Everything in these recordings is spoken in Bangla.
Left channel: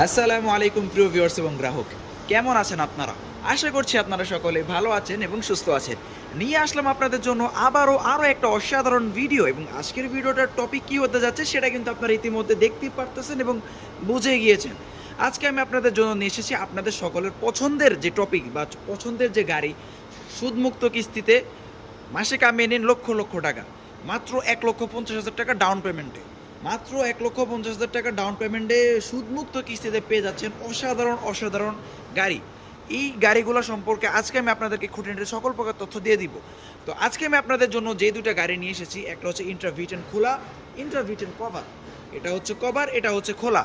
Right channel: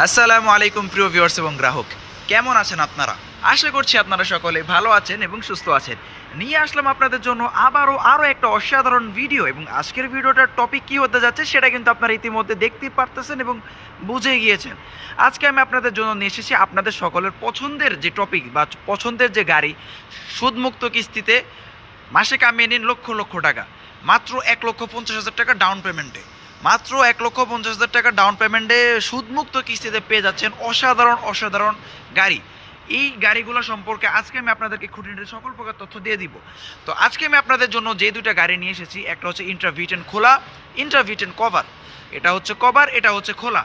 আসসালামু আলাইকুম প্রিয় ভিউয়ার্স এবং গ্রাহক। কেমন আছেন আপনারা? আশা করছি আপনারা সকলে ভালো আছেন এবং সুস্থ আছেন। নিয়ে আসলাম আপনাদের জন্য আবারও আরও একটা অসাধারণ ভিডিও এবং আজকের ভিডিওটার টপিক কি হতে যাচ্ছে সেটা কিন্তু আপনারা ইতিমধ্যে দেখতেই পারতেছেন এবং বুঝে গিয়েছেন। আজকে আমি আপনাদের জন্য নিয়ে এসেছি আপনাদের সকলের পছন্দের যে টপিক বা পছন্দের যে গাড়ি, সুদমুক্ত কিস্তিতে মাসে কামিয়ে নিন লক্ষ লক্ষ টাকা। মাত্র এক লক্ষ পঞ্চাশ হাজার টাকা ডাউন পেমেন্টে মাত্র এক লক্ষ পঞ্চাশ হাজার টাকা ডাউন পেমেন্টে সুদমুক্ত কিস্তিতে পেয়ে যাচ্ছেন অসাধারণ অসাধারণ গাড়ি। এই গাড়িগুলো সম্পর্কে আজকে আমি আপনাদেরকে খুঁটিনাটি সকল প্রকার তথ্য দিয়ে দিব। তো আজকে আমি আপনাদের জন্য যে দুইটা গাড়ি নিয়ে এসেছি, একটা হচ্ছে ইন্টারভিটেন খোলা ইন্টারভিটেন কভার এটা হচ্ছে কভার এটা হচ্ছে খোলা।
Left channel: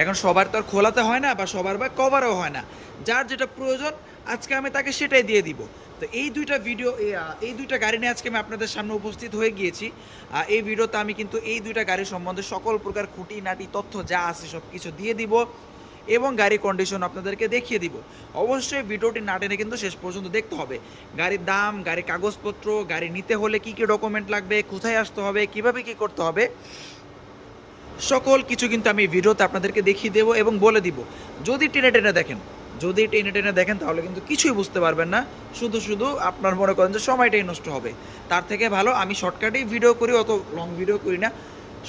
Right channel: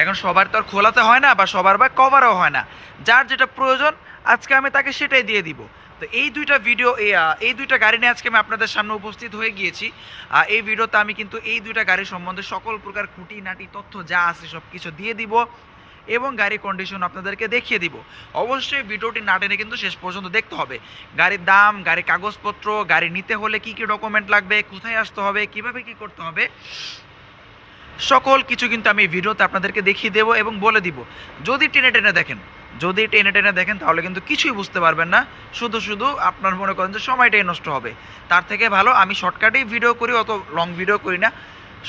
এখন সবার তো আর খোলাতে হয় না বা সবার বা কভারও হয় না। যার যেটা প্রয়োজন, আজকে আমি তাকে সেটাই দিয়ে দিব। তো এই দুইটা ভিডিও এই দুইটা গাড়ি নিয়ে আজকে আমি আপনাদের সামনে উপস্থিত হয়ে গিয়েছি। এই ভিডিওতে আমি কিন্তু এই দুইটা গাড়ি সম্বন্ধে সকল প্রকার খুঁটিনাটি, তথ্য যা আছে সব কিছু দিয়ে দিব এবং গাড়ি কন্ডিশন আপনাদেরকে দেখিয়ে দিব। অবশ্যই ভিডিওটি না টেনে কিন্তু শেষ পর্যন্ত দেখতে হবে। গাড়ির দাম, গাড়ির কাগজপত্র, গাড়ি নিতে হলে কি কি ডকুমেন্ট লাগবে, কোথায় আসতে হবে, কীভাবে কি করতে হবে, সকল কিছু কিন্তু আমি ভিডিওতে আপনাদেরকে দেখিয়ে দেবো এবং বলে দিব। যদি টেনে টেনে দেখেন যদি টেনে টেনে দেখেন, তাহলে কিন্তু কিছুই বুঝতে পারবেন না। শুধু শুধু আপনার মনে করেন যে সময়টাই নষ্ট হবে। তার থেকে ভালো, আমি শর্টকাটেই ভিডিও করি, অত লং ভিডিও করি না।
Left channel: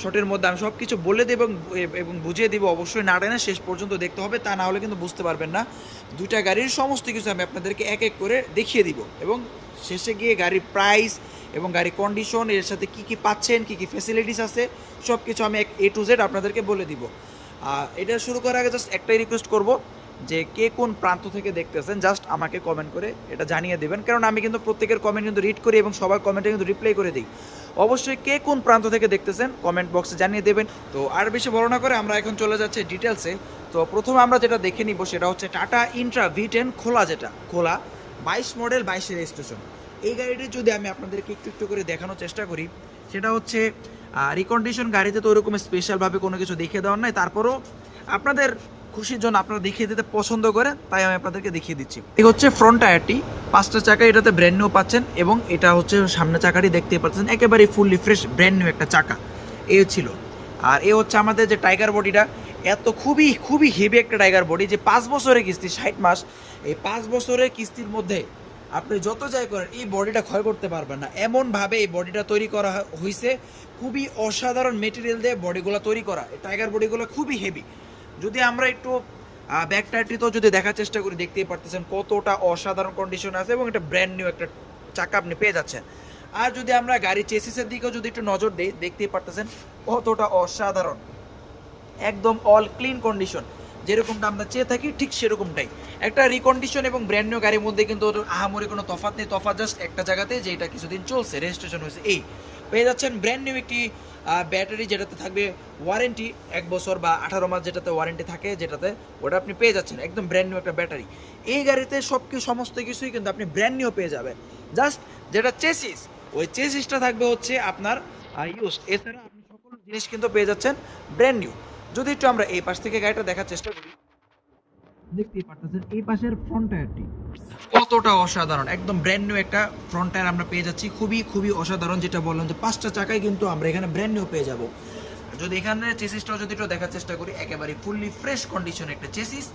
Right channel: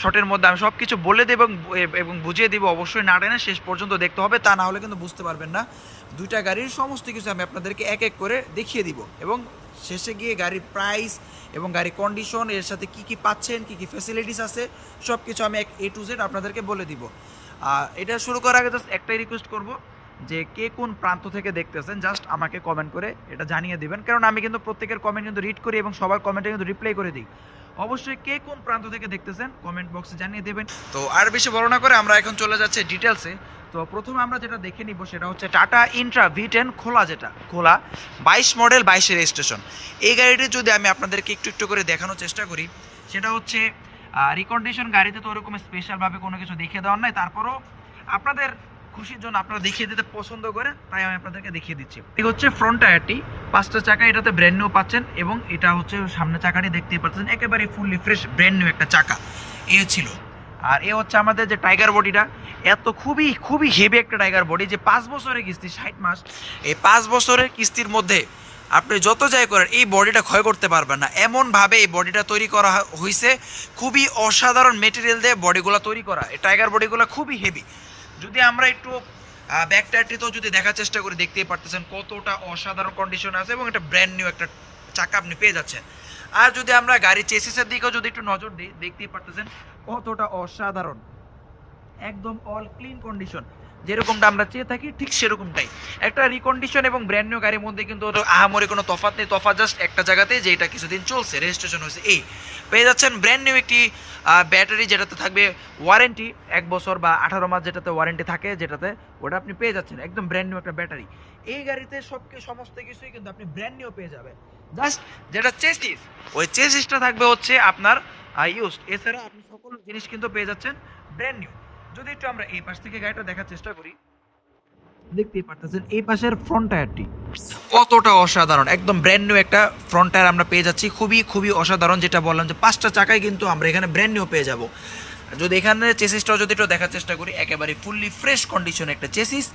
শর্টের মধ্যে আমি সব কিছু বলে দেব এবং বুঝিয়ে দেবো, অবশ্যই না টেনে শেষ পর্যন্ত দেখতে হবে, তা না হলে কিন্তু বুঝতে পারবেন না। দুইটা গাড়ির সমস্ত কিছু আমি আপনাদেরকে এক এক করে দেখিয়ে দিব এবং শেষে গিয়ে গাড়ির প্রাইস এবং গাড়ির কন্ডিশন এর সাথে কি কি পাচ্ছেন, কি কি ফ্যাসিলিটিস আছে সব কিছু আমি এক এ টু জেড আপনাদেরকে বলে দিব। আর এটা শুরু করার আগে জাস্ট একটাই রিকোয়েস্ট করব যে কে কোন প্রান্ত থেকে দেখতেছেন জাস্ট আমাকে কমেন্ট করে এটা জানিয়ে দেবেন। কারণ আমি কিন্তু প্রত্যেকের কমেন্ট কিন্তু রিড করি এবং সবার কমেন্টে কিন্তু রিপ্লাই করে দিই। অবশ্যই কে কোন প্রান্ত থেকে দেখতেছেন কমেন্ট বক্সে জানিয়ে দেবেন। তো আর বেশি বড় না করে আমরা এখন চলে যাচ্ছি ডিটেলসে তো প্রথমে আমরা যেটা দেখে নিব সেটা হচ্ছে টাটা ইন্ট্রা ভি টেন খোলা যেটা, খোলা বাইশ মডেল বাইশে রেজিস্ট্রেশন এই গাড়িটি যদি আমি আপনাদেরকে একটু একটু করে দেখানোর চেষ্টা করি, সেটা হচ্ছে রিকন্ডিশন গাড়িতে তো ওরকম স্পেশালভাবে কোনো কিছু দেখিয়ে দেওয়ার নাই, তারপরও আপনাদের খুশির জন্য আপনারা দেখিয়ে দিতে পছন্দ করে তাই আমি আপনাদেরকে দেখিয়ে দিচ্ছি। এই হচ্ছে ফ্রন্ট টায়ারটি। পাঁচটা চাকা এটাতে ব্র্যান্ড নিউ পাচ্ছেন এবং এটা হচ্ছে সামনে চাকাটি দেখতেই পাচ্ছেন, একেবারে ফুললি ফ্রেশ ব্র্যান্ড নিউ একটা চাকা। এ ছিল। আর এ হচ্ছে আমাদের যে টাইগার বডিটা এত খুবই খুবই হেভি একটা টাইগার বডি যে পাঁচ বছরের কিস্তি, ষাট মাস, এই পাঁচ বছরের কিস্তির মধ্যে আপনি যত যাই করেন, এই বডিটা ক্ষয় করতে পারবেন না। এমনভাবে এই বডিটা তৈরি করা হয়েছে খুবই অসাধারণ মেটেরিয়াল দিয়ে বডিগুলো তৈরি করা। এই টাইগার বডিগুলো খুবই হেভি যদি আমরা একটু ব্যাক টায়ারটিতেও যদি দেখার চেষ্টা করি, দেখতেই পারতেছেন কতটা অসাধারণ কন্ডিশন আছে এবং একটা ব্র্যান্ড নিউ একটা চাকা আপনি পেয়ে যাচ্ছেন। আর যদি আমরা গাড়ি চেসিসের দিকেও যদি একটু নজর দিই, দেখতেই পারতেছেন কতটা অসাধারণ। একদম অল ক্লিন কন্ডিশন যেরকমটা আমরা চেয়ে থাকি, ঠিক সেরকমটাই। একটা রিকন্ডিশন এবং ব্র্যান্ড নিউ গাড়ির মধ্যে কিন্তু আহামরি কোনো তফাৎ নেই। তফাৎ জাস্ট একটা জায়গাতে যে এটা কিছুদিন চলছে রেজিস্ট্রেশন হয়েছে। এই, পেয়ে যাচ্ছেন ব্র্যান্ড নিউ একটি ব্যাটারি যেটাতে থাকবে ওয়ারেন্টি এক বছর বা আঠারো মাস যেটাতে ওয়ারেন্টি থাকে, যেটাতে ওটা আপনি পেয়ে যাচ্ছেন। একদম ব্র্যান্ড নিউ একটা ব্যাটারি এই গাড়িতে সব কিছু সমস্ত কিছুই কিন্তু আপনি ব্র্যান্ড নিউ পেয়ে যাবেন। জাস্ট যেটা চেসিস ওই চেসিসটা থাকবে হচ্ছে আপনার ইউজ এছাড়া আপনি সকল জিনিস কিন্তু পেয়ে যাচ্ছেন ব্র্যান্ড নিউ যদি একটু আমরা এই পাশ থেকে গাড়িটা দেখার চেষ্টা করি। দেখতেই পারতেছেন এই পাশের ফ্রন্ট টায়ারটি কতটা অসাধারণ একদম ব্র্যান্ড নিউ একটা ফ্রন্ট টায়ার আমরা পেয়ে যাচ্ছি। খুবই খুবই অসাধারণ যেটা বললাম যে পাঁচটা চাকায় কিন্তু আমরা এখানে ব্র্যান্ড নিউ পেয়ে যাব। যদি এখানে চেসিসটাও যদি একটু দেখার চেষ্টা করি একেবারে ফুললি ফ্রেশ কন্ডিশন একটা চেসিস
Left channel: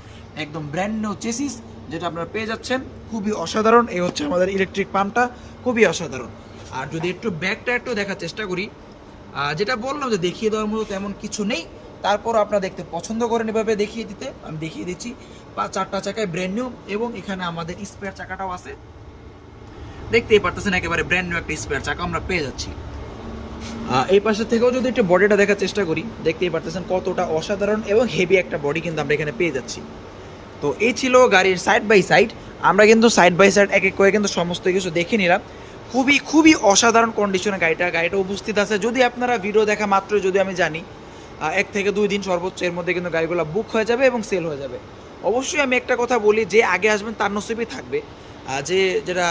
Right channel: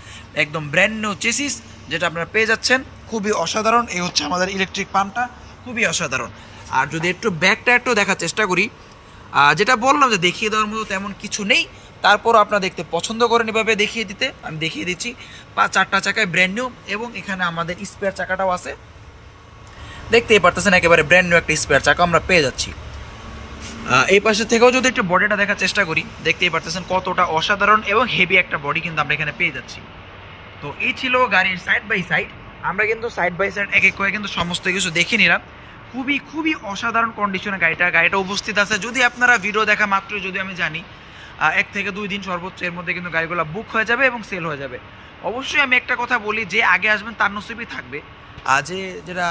একদম ব্র্যান্ড নিউ চেসিস যেটা আপনারা পেয়ে যাচ্ছেন। খুবই অসাধারণ এই হচ্ছে আমাদের ইলেকট্রিক পাম্পটা খুবই অসাধারণ। আর যদি একটু ব্যাক একটু দেখার চেষ্টা করি যেটা বললাম যে দেখিয়ে দেওয়ার মতো তেমন কিছু নেই। তারপর আপনারা দেখতে পছন্দ করেন এভাবে দেখিয়ে দিতে। আমি দেখিয়ে দিচ্ছি পাঁচ চারটা চাকায় ব্র্যান্ড নিউ এবং এখানে আমাদের স্পেয়ার চাকাটাও আছে। দেখতেই পারতেছেন একেবারে ব্র্যান্ড নিউ একটা স্পেয়ার চাকা আমরা পেয়ে যাচ্ছি। এই পাশে থেকেও যদি একটু বডিটা দেখার চেষ্টা করি, দেখতেই পারতেছেন কতটা অসাধারণ এবং হেভি একটা বডি কিন্তু আমরা এখানে পেয়ে যাচ্ছি। তো এই ছিল গাড়ির সাইড বাই সাইড আমরা কিন্তু সাইড বাই সাইড এক এক করে কিন্তু সমস্ত কিছু দেখে নিলাম। খুবই খুবই অসাধারণ কন্ডিশনে গাড়িটা। গাড়িটা উপস্থিত আছে। যদি আপনারা ভিডিও দেখা মাত্রই, যদি আমি জানি এক থেকে দুই দিন সর্বোচ্চ এর মধ্যে কিন্তু গাড়িগুলো বুক হয়ে যাবে এবং সেল হয়ে যাবে। অবশ্যই আমি একটা কথা বলি, যে আগে আসবেন তার নসিবই থাকবে। আর যে যেটা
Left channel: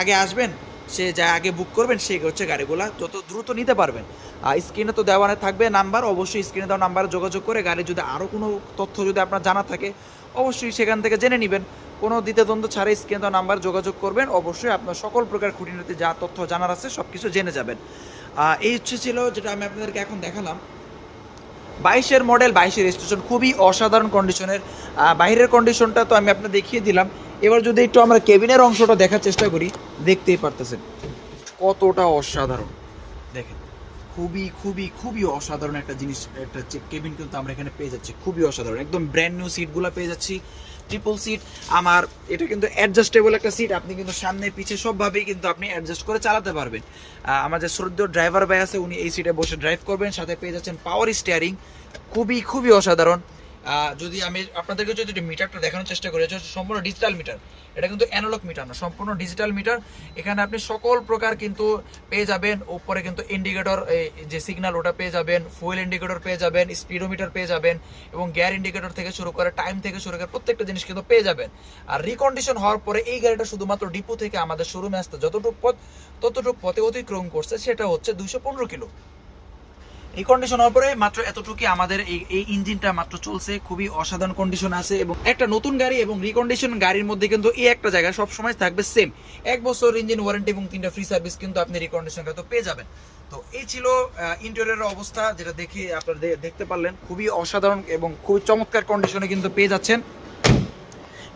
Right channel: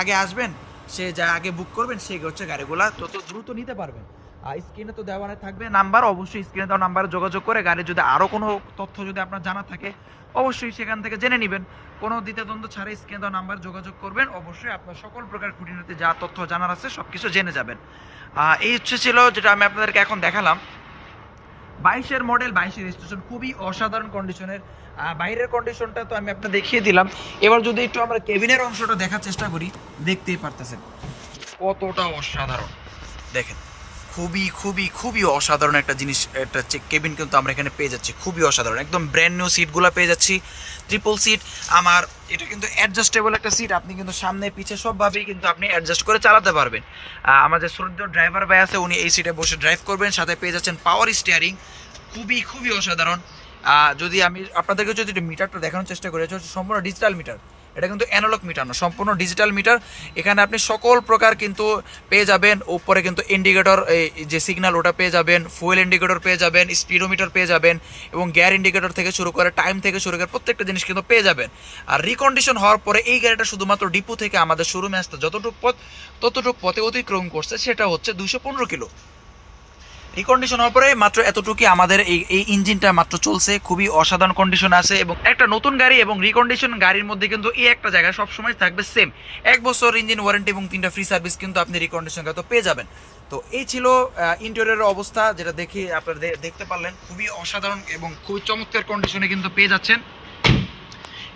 আগে আসবেন, সে যা আগে বুক করবেন, সে হচ্ছে গাড়িগুলা তত দ্রুত নিতে পারবেন। আর স্ক্রিনে তো দেওয়ানে থাকবে নাম্বার অবশ্যই স্ক্রিনে দেওয়া নাম্বারে যোগাযোগ করে গাড়ির যদি আরও কোনো তথ্য যদি আপনার জানা থাকে, অবশ্যই সেখান থেকে জেনে নেবেন। কোনো দ্বিতীয়দ্বন্দ্ব ছাড়াই স্ক্রিনে দেওয়া নাম্বার যোগাযোগ করবেন, অবশ্যই আপনার সকল প্রকার খুঁটিনাটি যা তথ্য জানার আছে সব কিছু জেনে যাবেন। এই হচ্ছে ছিল যেটা আমি আপনাদেরকে এখন দেখালাম। বাইশের মডেল, বাইশের স্টেশন খুবই অসাধারণ কন্ডিশনের বাইরের কন্ডিশনটা তো আমি আপনার দেখিয়ে দিলাম। এবার যদি একটু আমরা কেবিনের অংশটা দেখার চেষ্টা করি, দেখতেই পারতেছেন কতটা অসাধারণ। দেখেন, খুবই খুবই খুবই অসাধারণ একটা জিনিস, একটা কেবিন কিন্তু আমরা এখানে পেয়ে যাচ্ছি। খুবই অসাধারণ, একদম ব্র্যান্ড নিউ সিটগুলো পেয়ে যাচ্ছি। ট্রিপল সিট আমার এটা কিন্তু অ্যাডজাস্টেবল একটা সিট আপনি কিন্তু সামনে পিছে সবভাবেই কিন্তু আপনি অ্যাডজাস্ট করে চালাতে পারবেন। আমাদের শ্রদ্ধ ড্রাইভার ভাই আছে, উনি এই সিটে বসে ড্রাইভ করবেন, সাথে পেয়ে যাচ্ছেন পাওয়ার স্টিয়ারিং খুবই খুবই অসাধারণ। যদি আমি আপনাদেরকে যদি মিটারটা দেখানোর চেষ্টা করি সম্পূর্ণ ডিজিটাল মিটার এটা কিন্তু অ্যানালগ মিটার না, সম্পূর্ণ ডিজিটাল মিটার এখানে আপনি সকল প্রকার কিন্তু পেয়ে যাবেন। উপরে কিন্তু ইন্ডিকেটর যে সিগন্যাল ওটা পেয়ে যাবেন। ফুয়েল ইন্ডিকেটর পেয়ে যাবেন স্পিডোমিটার পেয়ে যাবেন এবং গ্যার ইন্ডিকেটর থেকে শুরু করে টাইম থেকে শুরু করে প্রত্যেকটা জিনিস কিন্তু পেয়ে যাবেন। আর রিকন্ডিশন হওয়ার পরে এই গাড়িটা শুধুমাত্র ডিপো থেকে আমাদের শোরুমে আসতে যতটুকু পথ, ততটুকু পথে অতিক্রম করছে, সেটা হচ্ছে দুশো পনেরো কিলো। এই কন্ডিশন হওয়ার পরে মাত্র এতটুকুই আমাদের এই এই ইঞ্জিনটা মাত্র চলছে। খুবই অসাধারণ কন্ডিশন আছে এবং একটা নতুন গাড়ি এবং রিকন্ডিশন গাড়ির মধ্যে কিন্তু এই একটা জায়গা সবসময় থাকবে সেম এক বছর ইঞ্জিন ওয়ারেন্টি এবং তিনটা ফ্রি সার্ভিস কিন্তু আপনি রিকন্ডিশন তো পেয়ে যাবেন। তো এই ছিল ইন্টেরিয়রের অবস্থা যেটা দেখি আপনারা দেখতে পারলেন। খুবই অসাধারণ এবং খুবই চমৎকার কন্ডিশনে কিন্তু পেয়ে যাচ্ছেন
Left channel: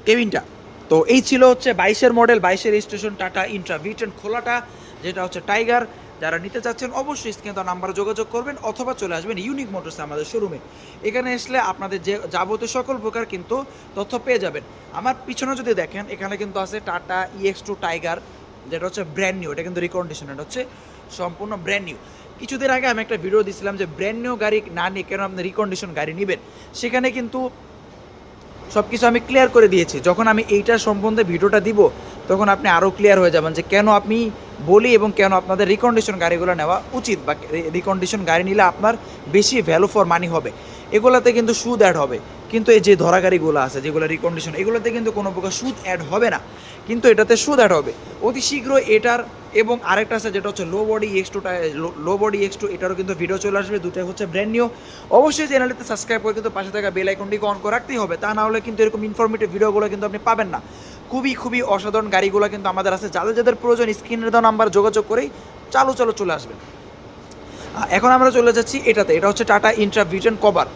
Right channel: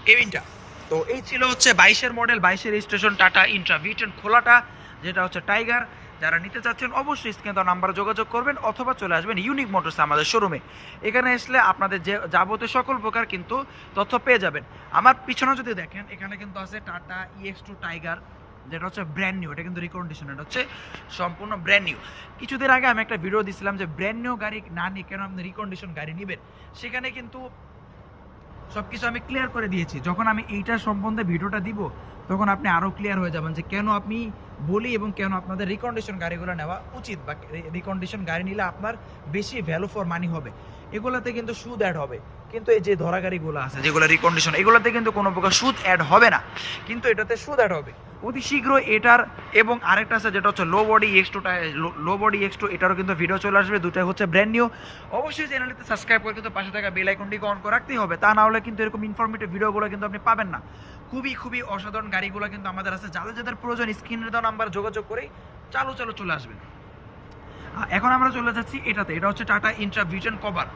কেবিনটা। তো এই ছিল হচ্ছে বাইশের মডেল বাইশের registration Tata intra V ten খোলাটা, যেটা হচ্ছে টাইগার যারা নিতে চাচ্ছেন অবশ্যই স্ক্রিনে তার নাম্বারে যোগাযোগ করবেন অথবা চলে আসবেন ইউনিক মোটরস আমাদের শোরুমে এখানে আসলে আপনাদের যে যাবতীয় সকল প্রকার কিন্তু তথ্য পেয়ে যাবেন। আমার পিছনে যদি দেখেন, এখানে কিন্তু আছে টাটা ইএক্স টু টাইগার যেটা হচ্ছে ব্র্যান্ড নিউ এটা কিন্তু রিকন্ডিশন এটা হচ্ছে সম্পূর্ণ ব্র্যান্ড নিউ কিছুদিন আগে আমি একটা ভিডিও দিছিলাম যে ব্র্যান্ড নিউ গাড়ি না নিয়ে কেন আপনি রিকন্ডিশন গাড়ি নেবেন? সেখানে কিন্তু সব কিছু আমি ক্লিয়ার করে দিয়েছি। যখন আমি এইটার সম্বন্ধে ভিডিওটা দিব, তখন আপনি আরও ক্লিয়ার হয়ে যাবেন যে কেন আপনি বলি এবং কেন আপনাদের রিকন্ডিশন গাড়িগুলো নেওয়া উচিত বা রিকন্ডিশন গাড়ি নিলে আপনার বেশি ভ্যালু ফর মানি হবে। এগুলাতে কিন্তু সুদ অ্যাড হবে। কিন্তু এই যে ধরা গাড়িগুলো আছে, যেগুলো রিকন্ডিশন এগুলোতে কিন্তু কোনো প্রকার সুদ অ্যাড হবে না। কিন্তু এটাতে সুদ অ্যাড হবে। অতি শীঘ্র এটার এবং আরেকটা আছে যেটা হচ্ছে low body X two low body X two এটারও কিন্তু ভিডিও চলে আসবে। দুটাই হচ্ছে ব্র্যান্ড নিউ অবশ্যই চ্যানেলটিতে সাবস্ক্রাইব করে কিন্তু পাশে থাকা বেল আইকনটিকে অন করে রাখতেই হবে। তা না হলে কিন্তু এরকম ইনফরমেটিভ ভিডিওগুলো কিন্তু আপনি পাবেন না। খুবই খুবই অসাধারণ গাড়িগুলো কিন্তু আমাদের আছে। যাদের যাদের প্রয়োজন স্ক্রিনের দেওয়া নাম্বার যোগাযোগ করেই চালু চালু চলে আসবেন। এখন আমরা চলে যাচ্ছি এটাতে। এটা হচ্ছে টাটা ইন্ট্রা ভিজন কভার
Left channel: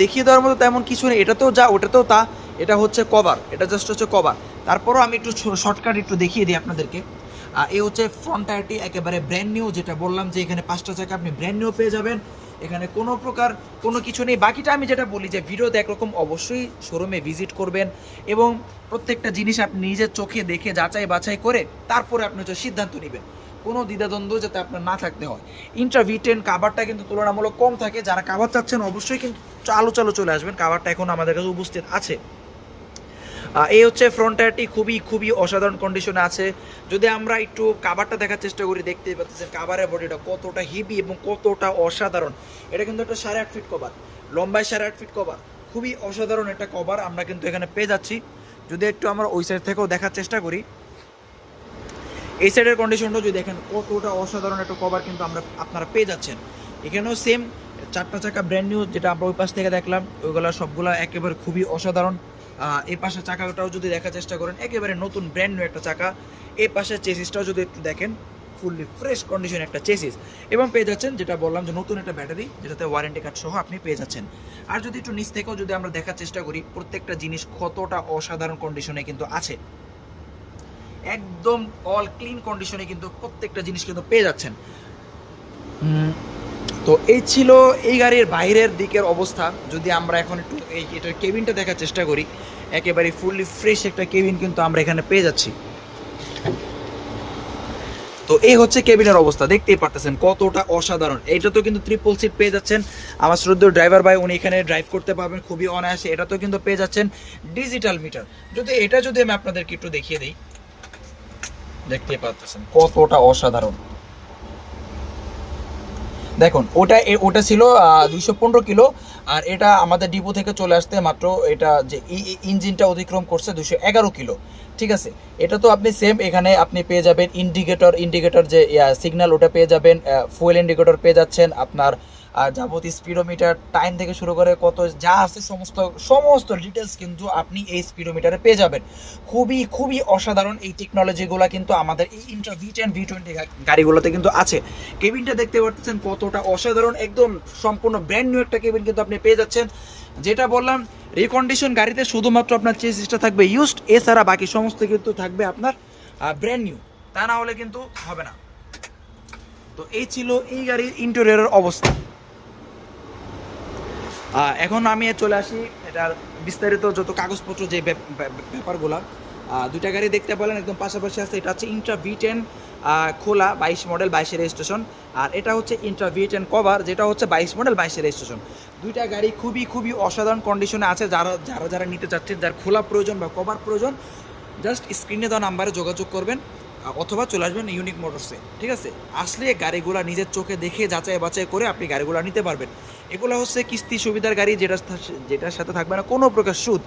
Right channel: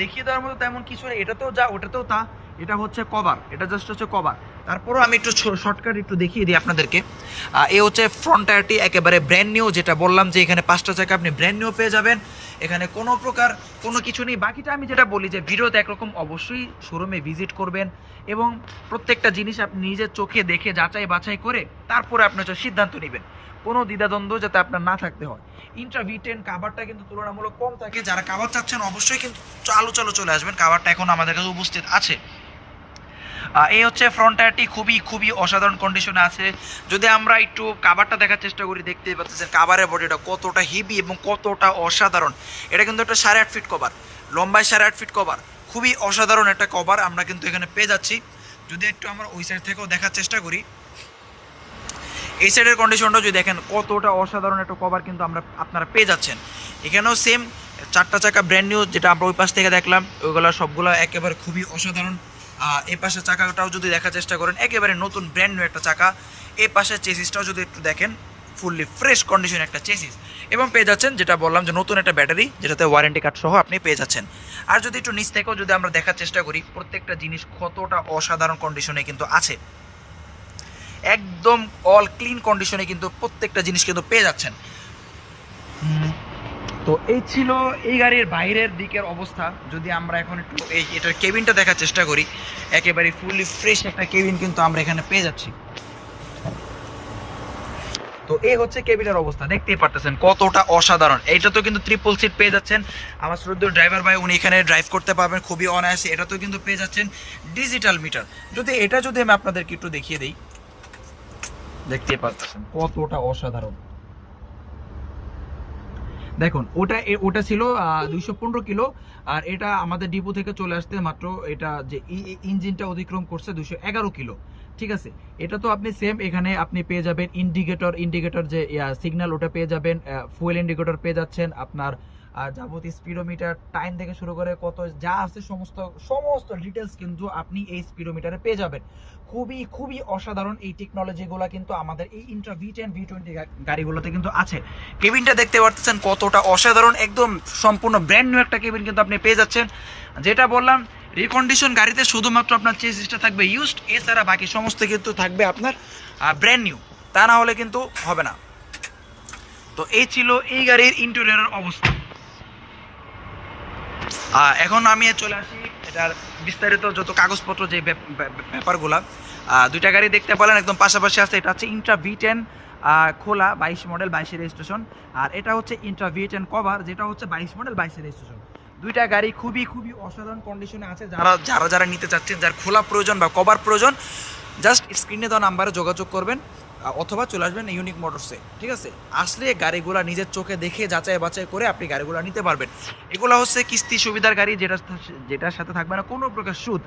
দেখিয়ে দেওয়ার মতো তেমন কিছু নেই। এটাতেও যা, ওটাতেও তা। এটা হচ্ছে কভার এটা জাস্ট হচ্ছে কভার তারপরও আমি একটু শর্টকাট একটু দেখিয়ে দিই আপনাদেরকে। এ হচ্ছে ফ্রন্ট টায়ারটি একেবারে ব্র্যান্ড নিউ যেটা বললাম যে এখানে পাঁচটা চাকা আপনি ব্র্যান্ড নিউ পেয়ে যাবেন। এখানে কোনো প্রকার কোনো কিছু নেই। বাকিটা আমি যেটা বলি যে ভিডিওতে একরকম অবশ্যই শোরুমে ভিজিট করবেন এবং প্রত্যেকটা জিনিস আপনি নিজের চোখে দেখে যাচাই বাছাই করে তারপরে আপনি হচ্ছে সিদ্ধান্ত নেবেন। কোনো দ্বিধাদ্বন্দ্ব যাতে আপনার না থাকতে হয়। ইন্ট্রা ভি টেন কাভারটা কিন্তু তুলনামূলক কম থাকে। যারা কাভার চাচ্ছেন অবশ্যই কিন্তু চালু চালু চলে আসবেন। কাভারটা এখন আমাদের কাছে উপস্থিত আছে। এই হচ্ছে ফ্রন্ট টায়ারটি খুবই খুবই অসাধারণ কন্ডিশনে আছে। যদি আমরা একটু কাভারটা দেখার চেষ্টা করি, দেখতেই পাচ্ছেন কাভারের বডিটা কতটা হেভি এবং কতটা অসাধারণ। এটা কিন্তু একটা সাড়ে আট ফিট কভার লম্বায় সাড়ে আট ফিট কভার খুবই অসাধারণ একটা কভার আমরা কিন্তু এখানে পেয়ে যাচ্ছি। যদি একটু আমরা ওই সাইড থেকেও দেখার চেষ্টা করি এই সাইডের কন্ডিশনটা যদি দেখেন, কতটা অসাধারণ একটা কভার কিন্তু আমরা, আপনারা পেয়ে যাচ্ছেন। এখানেও সেম চারটা চাকা ব্র্যান্ড নিউ যেটা আমরা ওই পাশ থেকে দেখলাম, ওইগুলো সবগুলো একেবারে খুবই অসাধারণ। এই পাশে চাকাটাও যদি দেখার চেষ্টা করেন, একেবারে নতুন ব্র্যান্ড নিউ একটা চাকা। এই পাশে চেসিসটাও যদি একটু দেখেন ফুললি ফ্রেশ কন্ডিশন একটা চেসিস এবং পেয়ে যাচ্ছেন, যেটা বললাম যে নতুন একটা ব্যাটারি যেটাতে ওয়ারেন্টি কার্ড সহ আপনি পেয়ে যাচ্ছেন। আর যদি একটু নিচ থেকেও যদি আমরা দেখার চেষ্টা করি, প্রত্যেকটা জিনিস কতটা অসাধারণ কন্ডিশনে কিন্তু আছে। একদম অল ক্লিন কন্ডিশনে কিন্তু প্রত্যেকটা জিনিস কিন্তু পেয়ে যাচ্ছেন। তো এই ছিল এই গাড়ির বাইরের দিকের অবস্থা। যদি আমরা এখন একটু এই এটার কেবিনটা দেখার চেষ্টা করি, একেবারে ফুললি ফ্রেশ একটা কেবিন কিন্তু আমরা এখানে পেয়ে যাচ্ছি। তো এই হচ্ছে কেবিনের অবস্থা, দেখতেই পারতেছেন কতটা অসাধারণ। এটা তো কিন্তু ট্রিপল সিট পেয়ে যাচ্ছেন। আমার শ্রদ্ধ ড্রাইভার ভাই, উনি এখানে ড্রাইভ করতে পারবেন, খুবই অনায়াসে এটা তো কিন্তু পেয়ে যাচ্ছেন ডিজিটাল মিটার যদি এটা যদি আমি আপনাদেরকে একটু দেখিয়ে দিই দেখতে পাচ্ছেন কতটা অসাধারণ। দেখুন, ওটা ওটা ছিল দুইশো পনেরো কিলো, আর এটা আমাদের ডিপো থেকে চলে আসতে মাত্র এটা যে ইঞ্জিনটা অতিক্রম করছে দুশো এগারো কিলো। ঠিক আছে? এটা তো আপনি সেম এখানে আপনি পেয়ে যাবেন ইন্ডিকেটর ইন্ডিকেটর যে সিগন্যাল ওটা পেয়ে যাবেন ফুয়েল ইন্ডিকেটর পেয়ে যাচ্ছেন, আপনার যাবতীয় স্পিডোমিটার টাইম থেকে শুরু করে কত যা আছে সমস্ত সমস্ত ডিটেলস কিন্তু আপনি এই স্পিডোমিটারে পেয়ে যাবেন। খুবই খুবই অসাধারণ এই টেকনোলজিগুলো কিন্তু আমাদের এই Intra V ten V twenty গাড়িগুলোতে কিন্তু আছে। কেবিনটা দেখতে পারতেছেন কতটা অসাধারণ, একদম সম্পূর্ণ ব্র্যান্ড নিউ একটা কেবিন কিন্তু আপনি পেয়ে যাচ্ছেন। যেটা বললাম রিকন্ডিশন গাড়িতে শুধুমাত্র আপনার চেসিসটা থাকবে ইউজড এছাড়া বাকি সমস্ত কিন্তু থাকবে আপনার ব্র্যান্ড নিউ তা না হলে কিন্তু হবে না। তো এই ছিল এই গাড়ির ইন্টেরিয়রের অবস্থা। এখন আমি চলে আসি এটার বিস্তারিত যত কাগজপত্র যে ব্যাপ- ব্যাপ- ব্যাপারগুলা দুইটা গাড়ি দেখতে পেলেন একদম পাশাপাশি আছে, এটা হচ্ছে ইন্ট্রা ভি টেন খোলা বাইশ মডেল বাইশের রেজিস্ট্রেশন আর এটা হচ্ছে ইন্ট্রা ভি টেন কভার যেটা হচ্ছে বাইশ মডেল বাইশের রেজিস্ট্রেশন দুইটা গাড়ি খুবই খুবই অসাধারণ কন্ডিশনে আছে, যারা যারা যারা নিতে চাচ্ছেন, যার খোলা প্রয়োজন বা কভার প্রয়োজন জাস্ট স্ক্রিনে দেওয়া নাম্বারে যোগাযোগ করবেন। অথবা চলে আসবেন ইউনিক মোটরসে ঠিক আছে? আসলে গাড়িগুলা নিজের চোখে দেখে যাচাই বাছাই করে আপনি গাড়িগুলা নিতে পারবেন। এগুলো হচ্ছে কিস্তি সুবিধার গাড়ি, যেটা যেটার সাথে থাকবে না, কোনো প্রকার সুদ।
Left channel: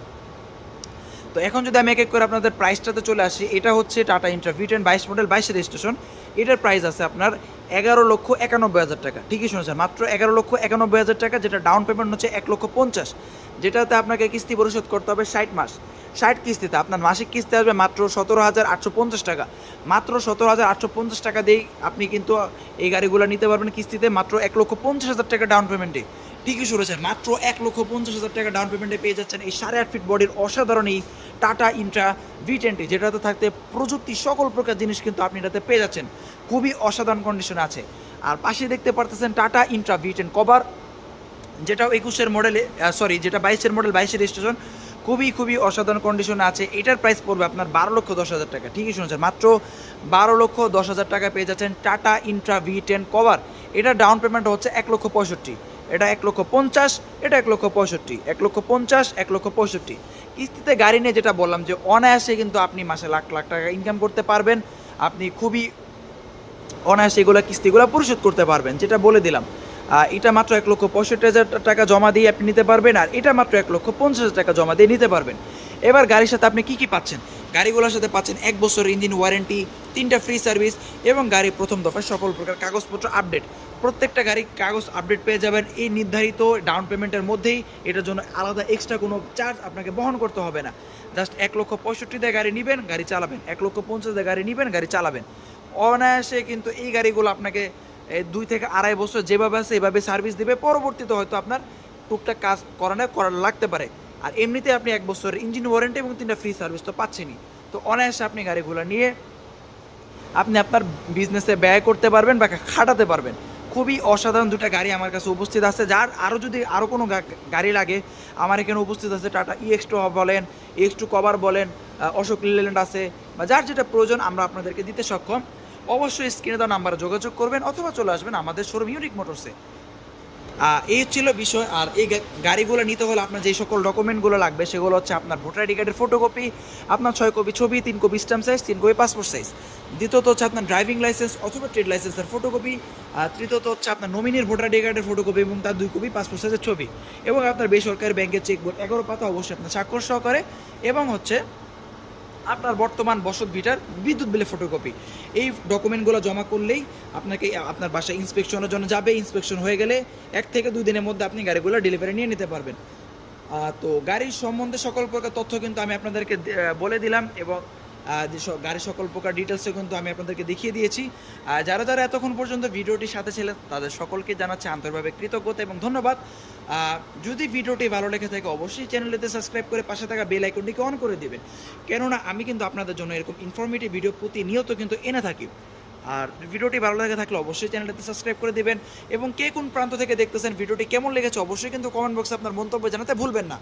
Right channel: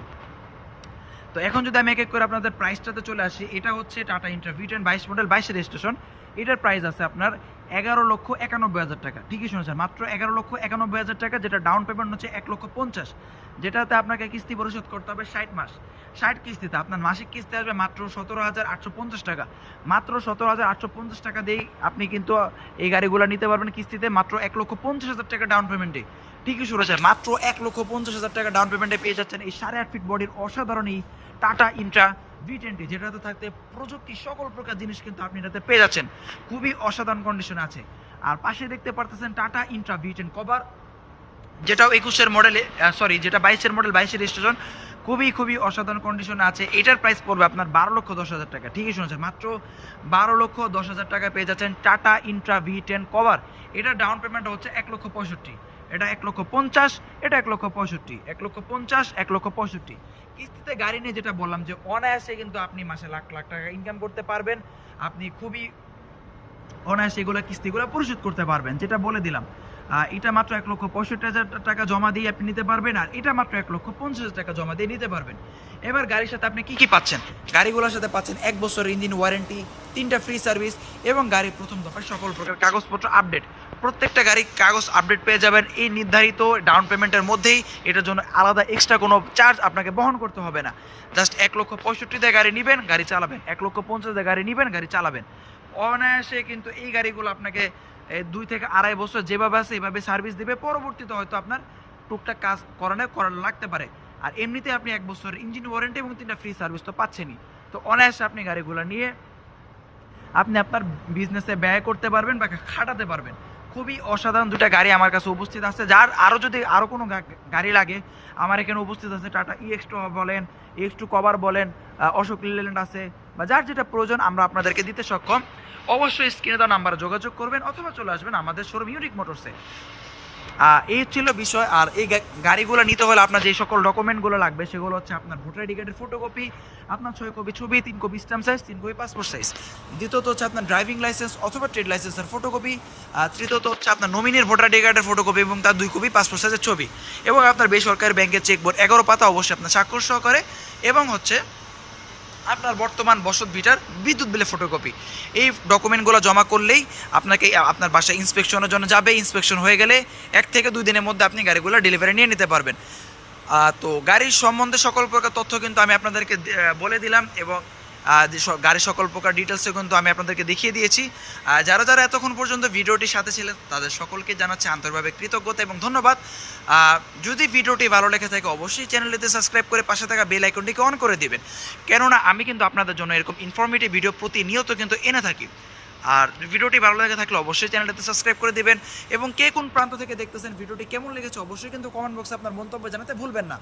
তো এখন যদি আমি এক এক করে আপনাদের প্রাইসটাতে চলে আসি, এটা হচ্ছে টাটা ইন্টার ভি টেন বাইশ মডেল বাইশ রেজিস্ট্রেশন এটার প্রাইস আছে আপনার এগারো লক্ষ একানব্বই হাজার টাকা। ঠিকই শুনেছেন, মাত্র এগারো লক্ষ একানব্বই হাজার টাকা, যেটা ডাউন পেমেন্ট হচ্ছে এক লক্ষ পঞ্চাশ। যেটাতে আপনাকে কিস্তি পরিশোধ করতে হবে ষাট মাস। ষাট কিস্তিতে আপনার মাসিক কিস্তি আসবে মাত্র সতেরো হাজার আটশো পঞ্চাশ টাকা। মাত্র সতেরো হাজার আটশো পঞ্চাশ টাকা দিয়েই আপনি কিন্তু এই গাড়িগুলো নিতে পারবেন কিস্তিতে, মাত্র এক লক্ষ পঞ্চাশ হাজার টাকা ডাউন পেমেন্টে ঠিকই শুরু হয়েছে মাত্র এক লক্ষ পঞ্চাশ হাজার টাকা ডাউন পেমেন্টে পেয়ে যাচ্ছেন এই সাড়ে আট ফিট বডির অসাধারণ এই টাটা ইন্ট্রা ভি টোয়েন্টি যেটাতে থাকতে প্রযুক্তি সকল প্রকার জিনিস কিন্তু আপনি এটাতে পেয়ে যাচ্ছেন। খুবই অসাধারণ কন্ডিশনে আছে। আর পাশে দেখতে পারতেছেন Tata Intra V ten cover যেটাও একুশের মডেলে সরি যেটা বাইশের মডেল বাইশের রেজিস্ট্রেশন খুবই খুবই অসাধারণ কন্ডিশনে আছে। এটার প্রাইস পড়বে আপনার বারো লক্ষ দশ হাজার টাকা। ঠিকই শুনেছেন, মাত্র বারো লক্ষ দশ হাজার টাকা পেয়ে যাচ্ছেন Tata Intra V ten cover এটা ডাউন পেমেন্ট হচ্ছে এক লক্ষ পঁয়ষট্টি। এটা এক লক্ষ পঞ্চাশ, এটা এক লক্ষ পঁয়ষট্টি, এক লক্ষ পঞ্চাশ, এক লক্ষ পঁয়ষট্টি। কিস্তিতে গাড়ি নিয়ে যেটা বললাম যে অনায়াসে কিন্তু আপনি মাসে লাখ লাখ টাকা ইনকাম করতে পারবেন। আপনি খুবই অনায়াসে এগুলো কিস্তিগুলো পরিশোধ করতে পারবেন, যেটা বলে দিলাম। এটা মাত্র এক লক্ষ পঁয়ষট্টি হাজার টাকা জমা দিয়ে আপনি নিতে পারবেন, আর এটা মাত্র এক লক্ষ পঞ্চাশ হাজার টাকা জমা দিয়ে নিতে পারবেন। এবার গাড়ির সাথে আপনি কি কি পাচ্ছেন? গাড়িগুলোর সাথে পাচ্ছেন এক বছর ইঞ্জিন ওয়ারেন্টি তিনটা ফ্রি সার্ভিস এবং গাড়ির প্রথম দফায় সকল প্রকার কাগজপত্র আপডেট প্রত্যেকটা গাড়ি কাগজ আপডেট পেয়ে যাবেন। এই নির্ধারিত ডাউন পেমেন্টের মধ্যেই এটার জন্য আলাদা এক্সট্রা কোনো চার্জ আপনাকে বহন করতে হবে না। জাস্ট এক লক্ষ পঁয়ষট্টি দিয়ে গাড়ি নেবেন, গাড়ি চালাবেন। এক লক্ষ পঞ্চাশ গাড়ি নেবেন, গাড়ি চালাবেন। অনায়াসে কিন্তু এই গাড়িগুলো আপনাকে দুই থেকে আড়াই বছর যেভাবে আছে, এভাবে সার্ভিস দেবে। পরবর্তীতে হয়তো আপনার টুকটাক কাজ করানো করার লাগতে পারে। আর এমনিতে আপনি এক বছরের ইঞ্জিন ওয়ারেন্টি এবং তিনটা ফ্রি সার্ভিস তো পাচ্ছেনই। তো অনায়াসে আপনি গাড়িগুলো নিয়ে আপনি আপনার বিজনেসে ব্যয় করতে পারবেন বা খাটাতে পারবেন। খুবই অসাধারণ দুটা গাড়ি আমার কাছে উপস্থিত আছে। যার আরও যদি আরও কোনো গাড়ি লাগে, আমার এখানে উপস্থিত আছে টাটা ইএক্স টু বলেন এক্স টু কভার বলেন অশোক লিল্যান্ড আছে, বা যার যেটা প্রয়োজন আমরা আপনাদেরকে দিতে সক্ষম। অবশ্যই স্ক্রিনে দেওয়া নাম্বারে যোগাযোগ করবেন, অথবা চলে আসবেন আমাদের শোরুম ইউনিক মোটরসে এই ছিল বিষয়, আর এই গাড়িগুলো নিতে হলে আপনার যে সকল ডকুমেন্টগুলো লাগবে, সেগুলো হচ্ছে আপনার ভোটার আইডি কার্ডের ফটোকপি আপনার ছয় কপি ছবি, তিন কপি স্ট্যাম্প সাইজ তিন কপি পাসপোর্ট সাইজ দ্বিতীয়ত হচ্ছে আপনার ড্রাইভিং লাইসেন্স অথবা ট্রেড লাইসেন্সের ফটোকপি তৃতীয়ত হচ্ছে আপনার নমিনির ভোটার আইডি কার্ডের ফটোকপি এবং তার দুই কপি পাসপোর্ট সাইজের ছবি। এবং আপনার বেসরকারি ব্যাংকের চেকবোর্ড এগারো পাতা অবশ্যই আপনার স্বাক্ষর সহকারে। এবং হচ্ছে আপনার বর্তমান বসত ভিটার বিদ্যুৎ বিলে ফটোকপি এই ডকুমেন্টগুলো জমা করলেই আপনাকে, আপনার বাসায় ইন্সপেকশনের জন্য যাবে ইন্সপেকশন হয়ে গেলে এক থেকে দুই দিনের মধ্যে আপনি গাড়িগুলো ডেলিভারি নিয়ে নিতে পারবেন। তো গাড়ির সম্বন্ধে সকল প্রকার তথ্য কিন্তু আমি আপনাদেরকে বলে দিলাম এবং গাড়ির সকল প্রকার ডিটেলসও কিন্তু আমি আপনাদেরকে দেখিয়ে দিয়েছি। যারা যারা এতক্ষণ পর্যন্ত ভিডিওটির সাথে ছিলেন, তাদের সকলকে জানাচ্ছি আন্তরিকভাবে কৃতজ্ঞতা এবং ধন্যবাদ। যদি ভিডিওটি ভালো লেগে থাকে, অবশ্যই চ্যানেলটিতে সাবস্ক্রাইব করে পাশে থাকা বেল আইকনটিকে অন করে দিবেন। কেননা, আমি কিন্তু আপনাদের জন্য এরকম ইনফরমেটিভ ভিডিও প্রতিনিয়ত কিন্তু এনে থাকি। আর ভিডিওটি ভালো লেগে থাকলে অবশ্যই চ্যানেলটিতে সাবস্ক্রাইব করে দেবেন এবং কে কোন প্রান্ত থেকে দেখতেছেন, ভিডিওটি কেমন লেগেছে, অবশ্যই কিন্তু কমেন্ট বক্সে আপনার মন্তব্য জানাতে ভুলবেন না।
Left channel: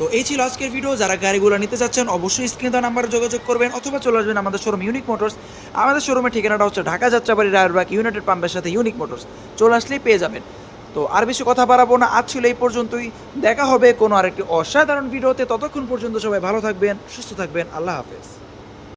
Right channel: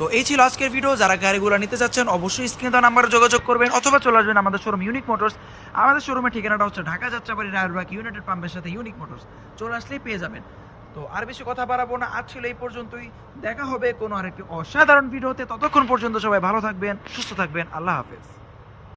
তো এই ছিল আজকের ভিডিও যারা গাড়িগুলো নিতে চাচ্ছেন অবশ্যই স্ক্রিনে দেওয়া নাম্বারে যোগাযোগ করবেন অথবা চলে আসবেন আমাদের শোরুম ইউনিক মোটরস আমাদের শোরুমের ঠিকানাটা হচ্ছে ঢাকা যাত্রাবাড়ি রায়রবাগ ইউনাইটেড পাম্পের সাথে ইউনিক মোটরস চলে আসলেই পেয়ে যাবেন। তো আর বেশি কথা বাড়াবো না, আজ ছিল এই পর্যন্তই। দেখা হবে কোনো আরেকটি অসাধারণ ভিডিওতে ততক্ষণ পর্যন্ত সবাই ভালো থাকবেন, সুস্থ থাকবেন। আল্লাহ হাফেজ।